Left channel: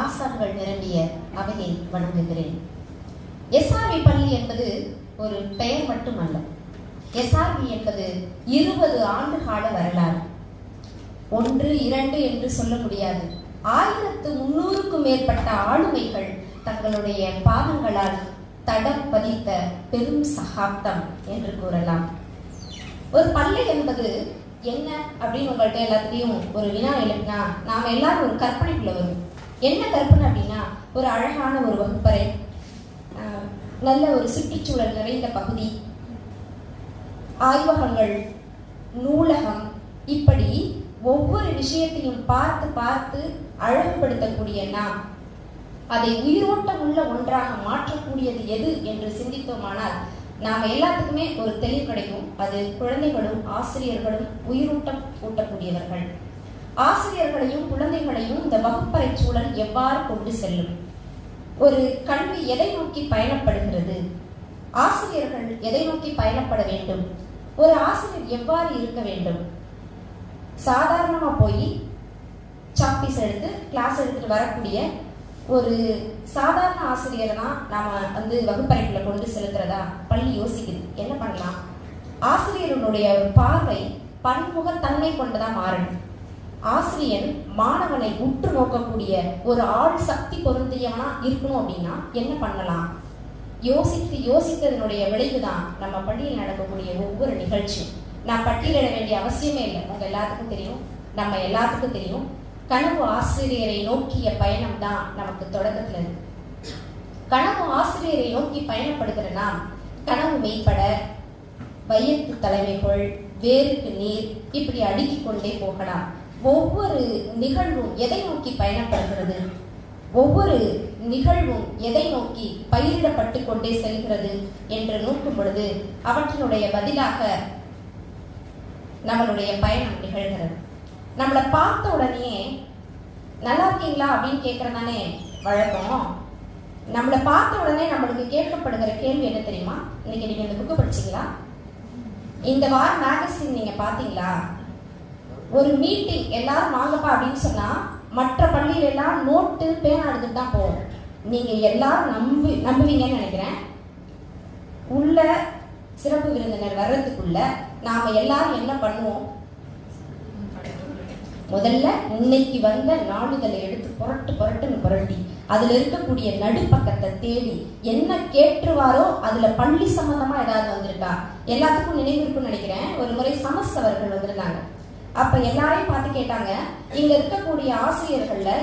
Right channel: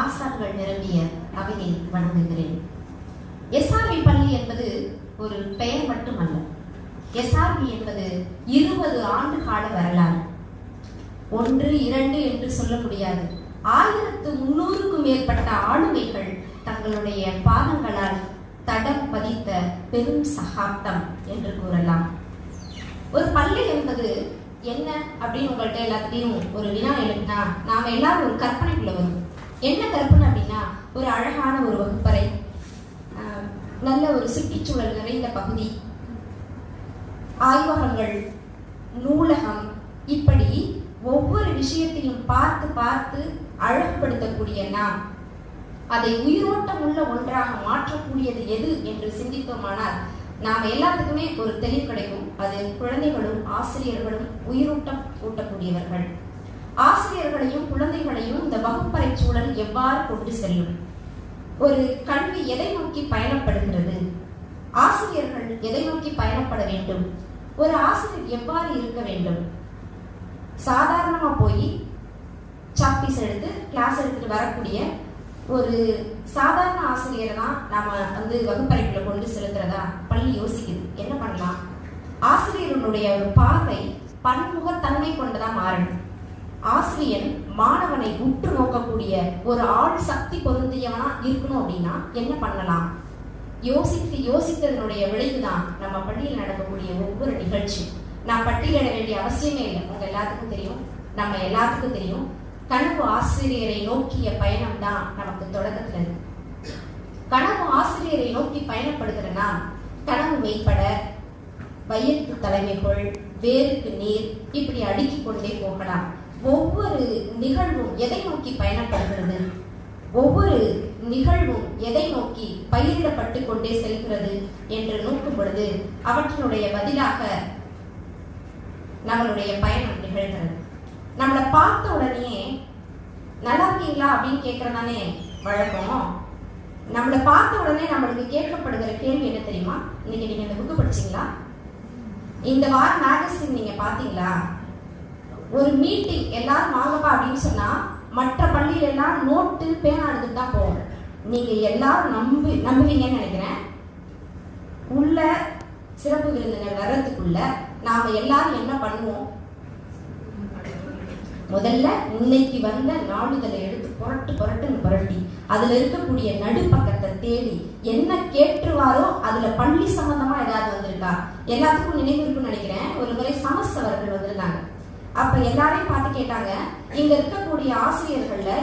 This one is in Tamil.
ஆசான்கள் நிரம்பிய அவையை வணங்குகிறேன். SRV பள்ளி என்பது ஒரு பெயர் மட்டுமல்ல. SRV என்பது 20 ஆண்டு கால வரலாறு. 1, 2 என்று சொல்ல முடியாது. 1300க்கும் மேற்பட்ட ஆளுமைகள் தங்களுடைய பாதங்களால் தடம் பதித்த பெரும் சகாப்தம் என்று கூறலாம். ஒரு பள்ளி என்பது என்ன அப்படின்னு உங்கள்கிட்ட எல்லாத்தையும் ஒரு வினா எழுதினா நாம எல்லாரும் ஒரு கற்பனைக்குள்ள வரும். என்ன கற்பனை அப்படின்னா, ஒரு அழகான ஒரு வகுப்பறை, நல்ல ஒரு சுற்றுச்சூழல் நிறைந்த பகுதி, ஆய்வகங்கள், நூலகம், இப்படி ஒவ்வொரு விஷயத்தையும் பார்த்து பார்த்து அழகுபடுத்தக்கூடிய நாம் அதை உயிரோட்டம் உள்ள ஒன்றாக மாற்றக்கூடியது எது என்று சிந்தித்தோமானால் நாம எல்லாத்துக்குமே ஒரு தெளிவு கிடைக்கும். அது குழந்தைகளும் ஆசிரியர்களும் உயிரூட்டம் ஊட்டக்கூடியவர்கள். ஆசிரியர்களையும் குழந்தைகளையும் இந்த வகுப்பறை சூழல் எவ்வாறு கொண்டு செல்லும்? ஒரு கல்வி எதை நோக்கி பயணப்படுகின்றது? ஆசிரியர்கள் எதை நோக்கி பயணப்பட வேண்டும்? ஒரு ஆசிரியர் எவ்வாறு இருக்க வேண்டும்? சாதாரணமா போய் சாப்பீஸ் எடுத்து கிளாஸ் எடுத்துட்டு வரக்கூடிய ஒரு சாதாரண ஆசிரியர் தான் நாம வகுப்பறைக்குள்ள கொண்டு செலுத்துறதா பள்ளி யோசிக்குது. என்ன பண்ணலாம்? ஆசிரியர்களுடைய ஒரு பார்வை பன்முகத்தன்மை கொண்டுதான் மாறணும். ஆசிரியன் மாணவனை உற்று நோக்கக்கூடிய ஒரு ஆள் சக்தி பொருந்தியவனா இருக்கணும் அப்படின்னா என்ன பண்ணலாம்? யோசித்ததனுடைய விளைவுதான் நம்ம பள்ளியில் நடக்கக்கூடிய ஒவ்வொரு நிகழ்ச்சி. நான் பட்டியலிட வேண்டிய அவசியமே இல்லை. உங்க எல்லாத்துக்கும் தெரியும், நம்ம எல்லாத்துக்கும் தெரியும். கனவு ஆசிரியரை நோக்கிய பயணம் தான் நமக்கு தொடக்கத்துல இருக்கு. கனவு ஆசிரியரை நோக்கி பயணப்படுகிறனா கனவு மெய்ப்பட வயிற்று தலைமைகள், வேருக்கு நீர், இப்படி அடுக்கிக் கொண்டே போகலாம். ஒவ்வொரு நிகழ்வும் எதை நோக்கி பயணப்படுகிறது? ஒவ்வொரு நிகழ்வும் எதை நோக்கி பயிரிடப்பட்டு கொண்டே செல்கிறது என்று நோக்கும் பொழுது அவற்றினுடைய பதிலாக நம்மளுடைய பயணம் நிகழ்கிறது. நம்மளை பார்த்த உடனே நல்லா இருக்கீங்களா அப்படின்னு கேட்கறதானே வழக்கம். நம்மளை பார்த்த உடனே நம்மளுக்கு கேட்கப்படுகிற கேள்வி என்ன தெரியுமா? இன்னைக்கு நீங்க இந்த புக்கு படிச்சீங்களா? இந்த வார மேகசின் நீங்க பாத்தீங்களா? ஒரு மீட்டிங் எல்லாரும் வாங்கப்பா அப்படின்னு சொன்னா மற்ற பள்ளியில எல்லாம் நோட்டு பேனா எடுத்துட்டு தான் போவோம். நீங்க எல்லாரும் நம்புவீங்கன்னு நினைக்கிறேன். உள்ள சிறப்பு விருந்தினர் வர்றதுக்குள்ள நாம எல்லாரும் என்ன பண்ணுவோம்? முதல்ல இன்னைக்கு வந்த நாளிதழை எடுத்து புரட்டி அதுல இருக்கக்கூடிய நடுப்பக்கத்தை தேடி என்ன கேட்டுருவாரோ அதுல பள்ளி சம்பந்தமா ஏதாவது வந்திருக்கா? எல்லாத்துக்கும் நினைவிருக்குன்னு நினைக்கிறேன். ஒரு முறை சமஸ் அவர்கள் வந்திருந்தாங்க. அப்ப எல்லாரையும் பார்த்து கேட்டாங்க, இங்க இருக்கக்கூடிய ஆசிரியர்கள்ல